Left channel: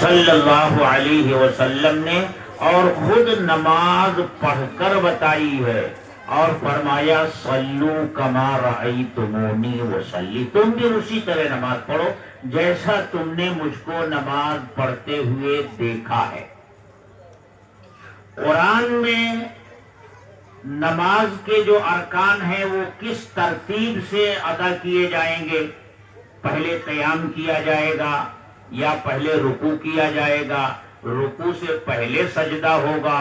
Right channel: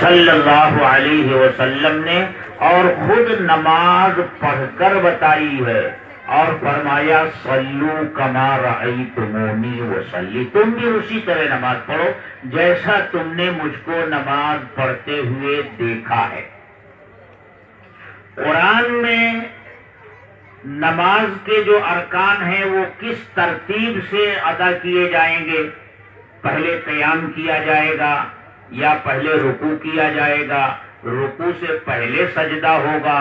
صلی اللہ علیہ وسلم نے، اور خود نماز پڑھ کر بتائی ہے اور فرمایا صلو کما رأیتمونی وصلی، تم بھی اسی طرح نماز پڑھو جیسا تم نے مجھ کو نماز پڑھتے ہوئے دیکھا ہے۔ قرآن میں نماز کے جو ارکان ہیں وہ کس ترتیب سے ادا کیے جائیں گے، پہلے قیام کیا جائے گا یا پہلے رکوع کیا جائے گا، رکوع سے پہلے سجدہ ہوگا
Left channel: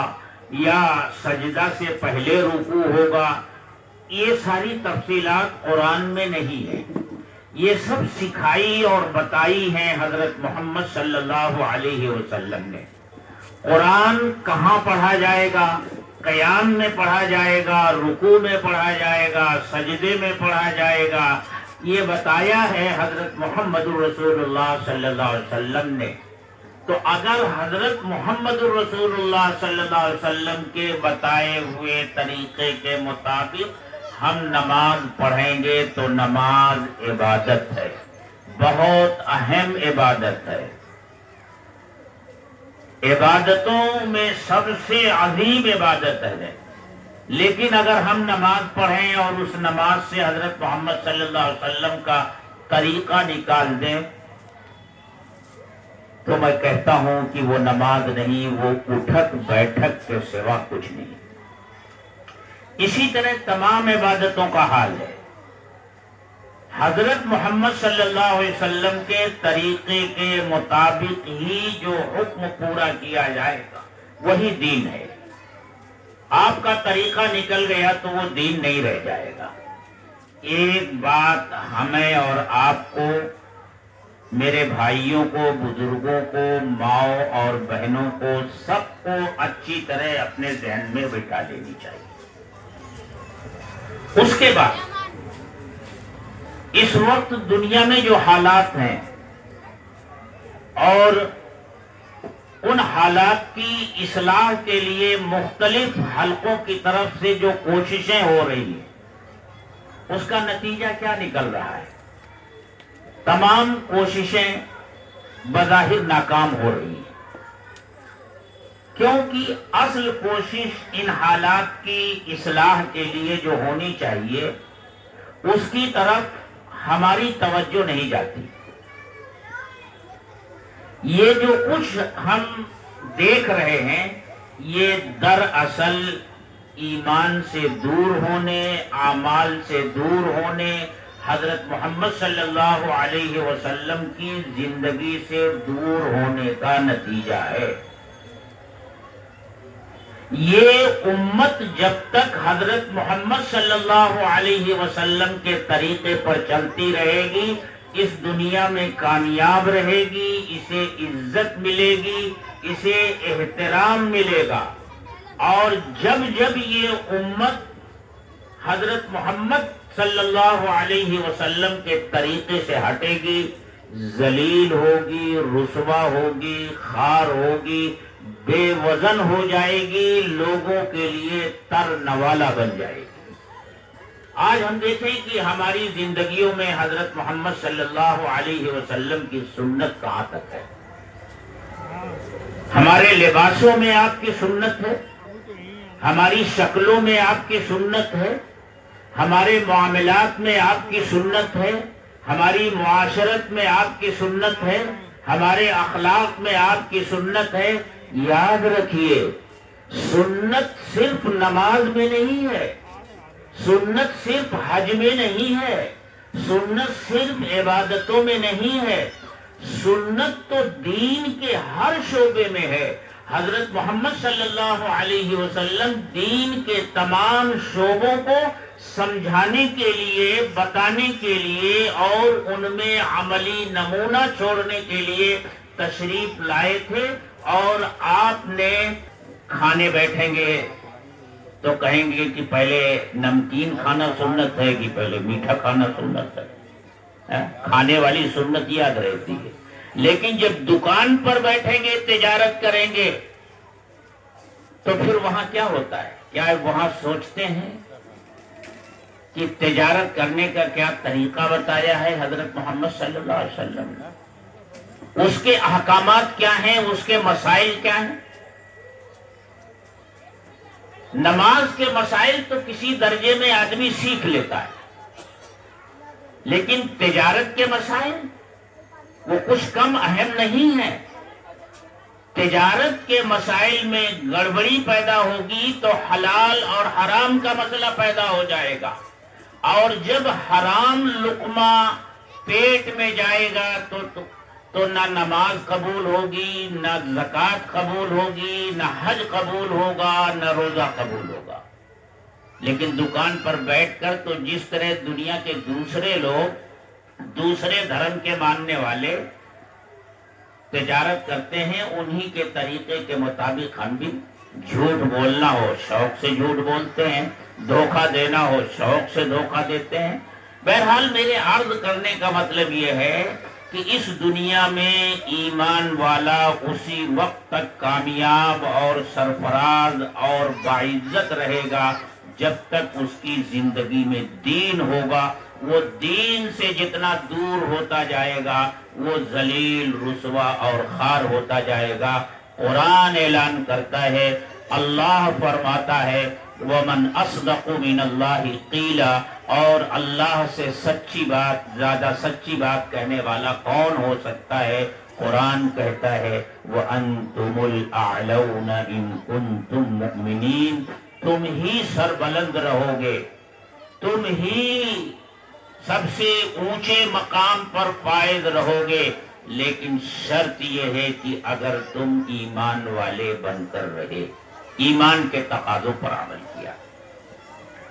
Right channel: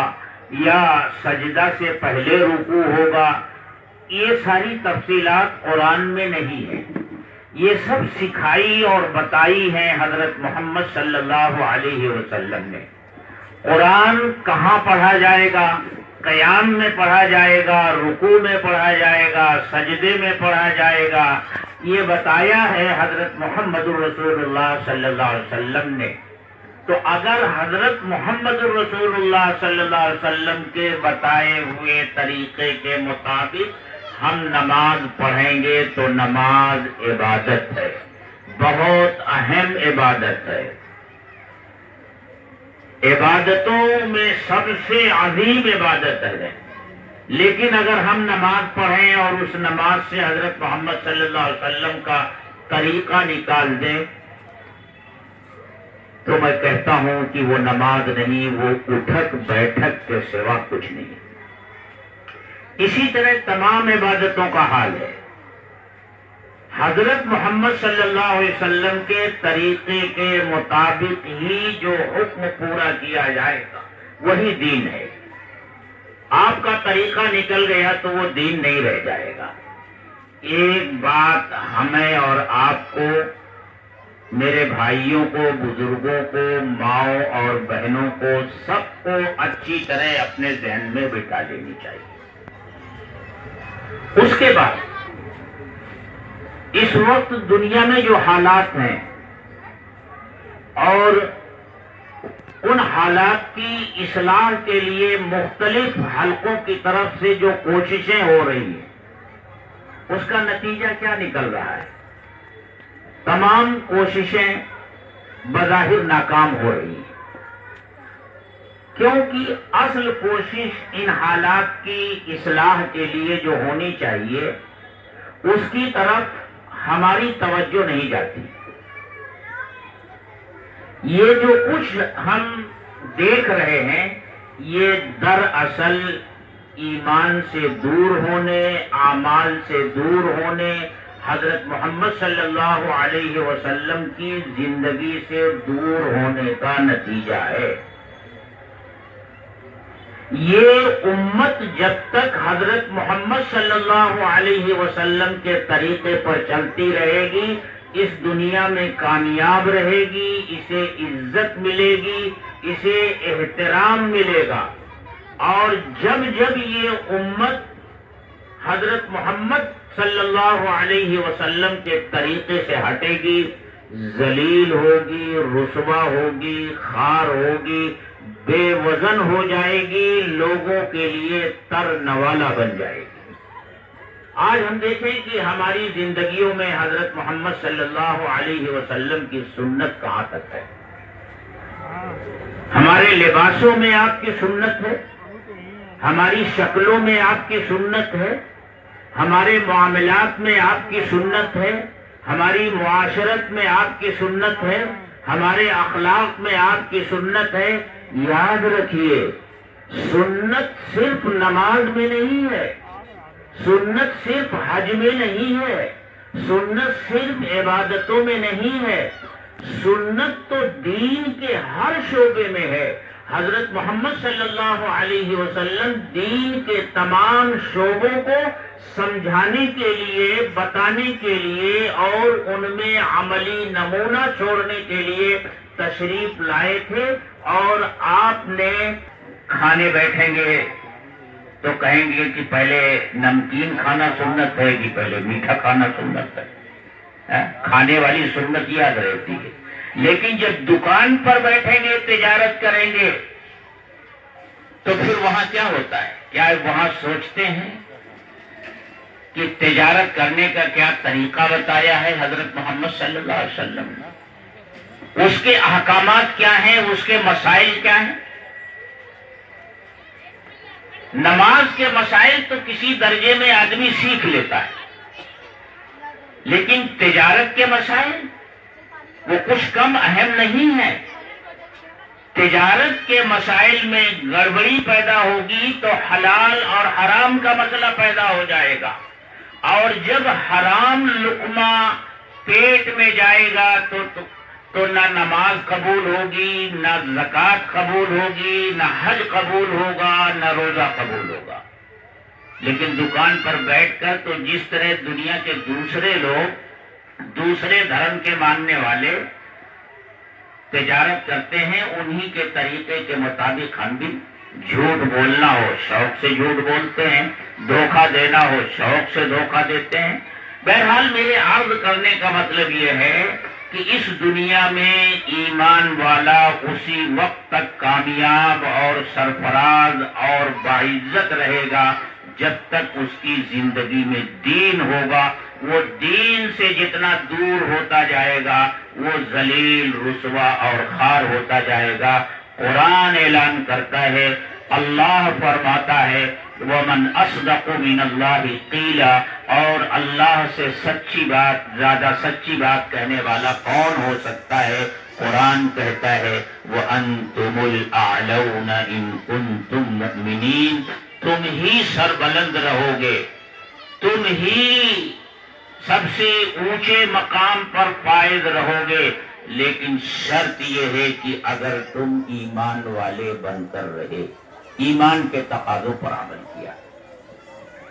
یا سجدہ سے پہلے رکوع ہوگا، یہ ساری تفصیلات قرآن میں نہیں ہیں۔ یہ سب سکھائی اور بتائی ہیں حضرت محمد صلی اللہ علیہ وسلم نے۔ قرآن کہاں پڑھا جائے گا، قیام میں پڑھا جائے گا، رکوع میں پڑھا جائے گا، سجدے میں پڑھا جائے گا، یہ بتایا ہے حضرت محمد رسول اللہ صلی اللہ علیہ وسلم نے۔ تو اگر حضرت محمد رسول اللہ صلی اللہ علیہ وسلم کے بتائے ہوئے طریقے کے مطابق ہم نماز پڑھیں گے تو نماز عبادت ہے، بہت اہم عبادت ہے، عبادتوں میں سب سے عظیم عبادت ہے۔ لیکن اگر ہم نماز پڑھیں اور اس نماز سے حضرت محمد صلی اللہ علیہ وسلم کا طریقہ نکال دیں تو میں کہتا ہوں کہ وہ نماز نہیں، وہ اٹھک بیٹھک کے سوا کچھ نہیں۔ اسی طرح تمام عبادتوں کا حال ہے۔ حضرت محمد صلی اللہ علیہ وسلم کے طریقے کے مطابق ہی جو حکم پورا کیا جائے گا وہی دین ہے۔ آپ کا طریقہ نکل گیا تو وہ دین نہیں رہ جائے گا۔ ایک بات ہمیں اور آپ کو، میرے بھائیوں کو، بزرگوں کو، ماؤں اور بہنوں کو، سب کو اچھی طرح اپنے ذہن میں بٹھا لینی چاہیے۔ اس کے بعد اس وقت دنیا میں جو حالات ہیں اور ان حالات کی اصلاح کے لیے مختلف حلقوں کی طرف سے جو کوششیں ہو رہی ہیں، اس کا نتیجہ کیا نکل رہا ہے؟ تمام کوششیں بظاہر ناکام ہو رہی ہیں، کیونکہ اصل کوشش ان حالات کی اصلاح کے لیے جو ہونی چاہیے اس کی طرف ہماری توجہ نہیں جاتی۔ یہ جو کچھ ہم دیکھ رہے ہیں یہ دراصل ایمان سے دور ہونے، اعمال سے دور ہونے، حضرت محمد صلی اللہ علیہ وسلم کی زندگی سے دور ہونے کا نتیجہ ہے۔ یہ امت جب تک حضرت محمد صلی اللہ علیہ وسلم کے طریقے پر چلتی رہے گی اس دنیا میں کامیاب رہے گی، اسے عزت ملے گی، اسے احترام ملے گا۔ اور جب جب یہ امت حضرت محمد صلی اللہ علیہ وسلم کے طریقے سے ہٹے گی، ذلیل ہوگی، رسوا ہوگی، خوار ہوگی، بے وزن ہو جائے گی، لوگوں کے لیے تر نوالا بن جائے گی۔ آج ہم دیکھیں کہ ہماری زندگیوں میں حضرت محمد صلی اللہ علیہ وسلم کی سنت کہاں تک ہے۔ ہمارے لباسوں میں آپ کی سنت ہے، ہماری شکلوں میں آپ کی سنت ہے، ہمارے معاملات میں آپ کی سنت ہے، ہماری معاشرت میں آپ کی سنت ہے، ہمارے اخلاق میں آپ کی سنت ہے۔ یاد رکھیے، سنت صرف نماز میں نہیں ہے، سنت صرف حج میں نہیں ہے، سنت صرف عبادتوں میں نہیں ہے، سنت تو دین کے ہر شعبے میں ہے۔ حضرت محمد صلی اللہ علیہ وسلم دین کے تمام شعبوں کو سمجھانے کے لیے، بتانے کے لیے اور ان میں عملی نمونہ چھوڑنے کے لیے تشریف لائے تھے۔ اور آپ نے کھانے بیٹھیں گے تو کہیں گے کہ پہلے نمکین کھانا سنت ہے کہ پہلے میٹھا کھانا سنت ہے، کھانے والی سنت یاد رہتی ہے۔ لیکن جب دکان پر بیٹھیں گے، تجارت کریں گے تو پھر وہاں کیا ہوتا ہے؟ کیا وہاں سوچتے ہیں کہ تجارت کرنے کا کیا طریقہ بتایا ہے حضرت محمد صلی اللہ علیہ وسلم نے؟ اس کے احکامات کیا ہیں، اس کے مسائل کیا ہیں۔ نماز کے مسائل تو کسی درجے میں آدمی سیکھ لیتا ہے، لیکن تجارت کے مسائل وہ کچھ کم اہم نہیں ہے۔ تجارت کے مسائل میں گڑبڑی پیدا ہوگی تو حلال اور حرام کا مسئلہ پیدا ہو جائے گا، اور جب حرام لقمہ پیٹ میں جائے گا تو نہ نماز قبول ہوگی، نہ زکوٰۃ قبول ہوگی، نہ حج قبول ہوگا، نہ روزہ قبول ہوگا۔ لیکن دکان پر بیٹھ کر تو جس طرح دنیا کے دوسرے لوگ، دوسرے دھرم کے ماننے والے تجارت کرتے ہیں، انہی کے طریقے کے مطابق ہم بھی جھوٹ بولنا ہو شوق سے جھوٹ بولتے ہیں، دھوکہ دینا ہو شوق سے دھوکہ دیتے ہیں۔ بہرحال میرے عرض کرنے کا مطلب یہ ہے کہ اس دنیا میں ایمان والا اسی وقت تک کامیاب اور سرفراز اور باعزت رہے گا جب تک اس کی زندگی میں دین ہوگا۔ وہ دین سے جتنا دور ہوتا جائے گا وہ ذلیل، رسوا اور خوار ہوتا جائے گا۔ قرآن اعلان کرتا ہے، اللہ فرماتا ہے وَمَنْ أَصْدَقُ مِنَ اللَّهِ قِيلًا، اور اللہ سے سچی بات، زیادہ سچی بات کہنے والا کون ہو سکتا ہے؟ قرآن کہتا ہے وَأَنْتُمُ الْأَعْلَوْنَ إِن كُنتُم مُؤْمِنِينَ، تم ہی سربلند رہو گے، تم ہی سب سے اونچے مقام پر فائز رہو گے، لیکن شرط یہ ہے کہ اگر تم ایمان والے بن کر رہے، ایمان کے تقاضوں پر عمل کیا۔